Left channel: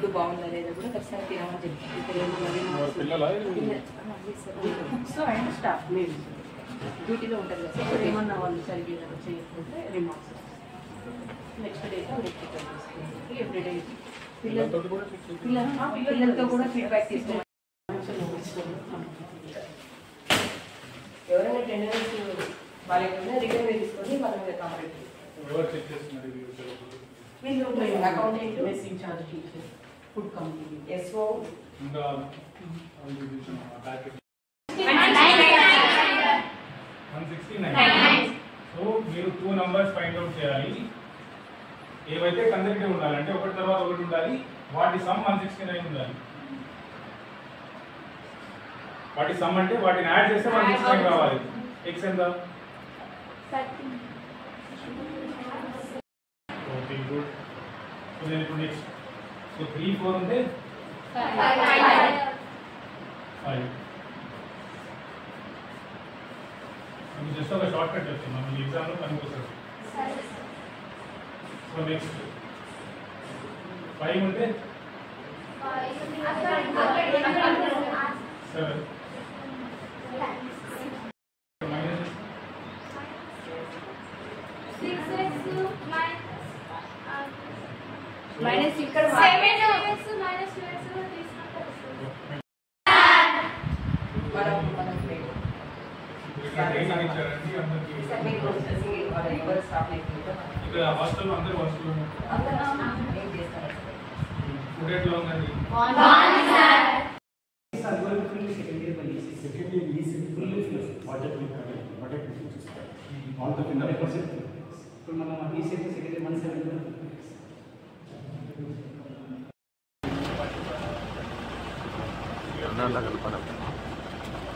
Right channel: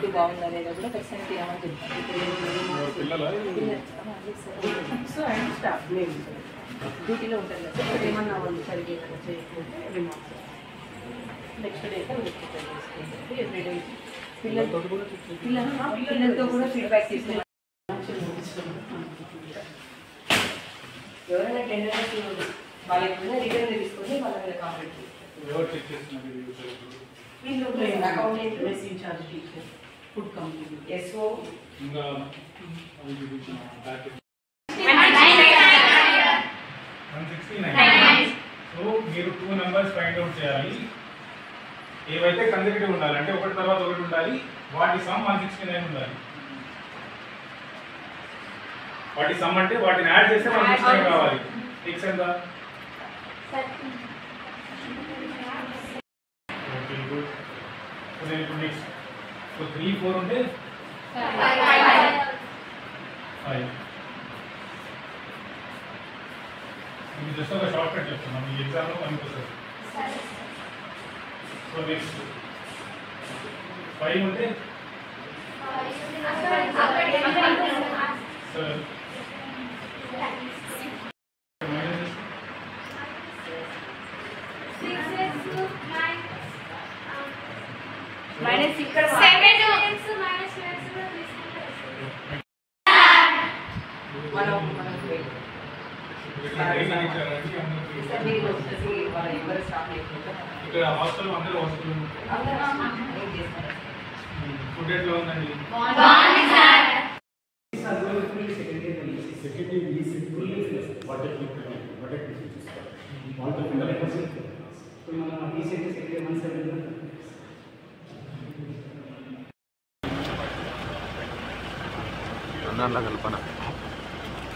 Food బాగుందా లేదా కూడా ఖచ్చితంగా తినమని చెప్తాను. సో అండ్ స్టాఫ్ డ్యూటీలో ఉంటారు కదా సార్, ఏమన్నా వాళ్ళు సరిగ్గా చేయకపోతే రిమార్క్స్ నెక్స్ట్ డే చేసుకోండి. ఎవ్రీడే పిల్లలతో కూడా ఫీడ్బ్యాక్ తీసుకోవాలి. ఎవరైనా టెండర్స్ వాళ్ళకుండా రిటర్న్ తీసుకొని వాళ్ళ మీద complete accountant mess incharge teacher food company ఎస్ఓ సో మీరు 2 numbers ఫైండ్ అవుట్ చేయాలి. ఏవైతే కన్సెక్యూటివ్ ఉండాలంటే ఒకటి తర్వాత ఒకటి ఉండాలి. వాటి సమ్ 169 ఉండాలి. వాటి సమ్ అంటే వాటిని యాడ్ చేస్తే 169 కావాలి. x ఎంత? Okay good. సో నేను ఇప్పుడు నెక్స్ట్ సో 3 4 ఉంటే 5. ఇది జస్ట్ ఒక షార్ట్ కట్ చెప్తున్నాను, ఈ ఎగ్జామ్లో పనికొస్తుంది. సో నెక్స్ట్ 5 ఉంటే 7. మైనస్ ఇక్కడ 7x ఇక్కడ హాస్టల్ అందరూ హాస్టల్ ఫుడ్ ఎట్లా ఉందండి?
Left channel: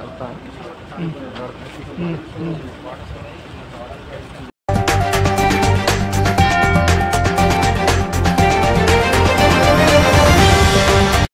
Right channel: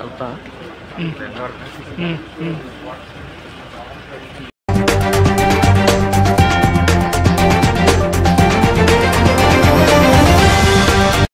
కలుపుతా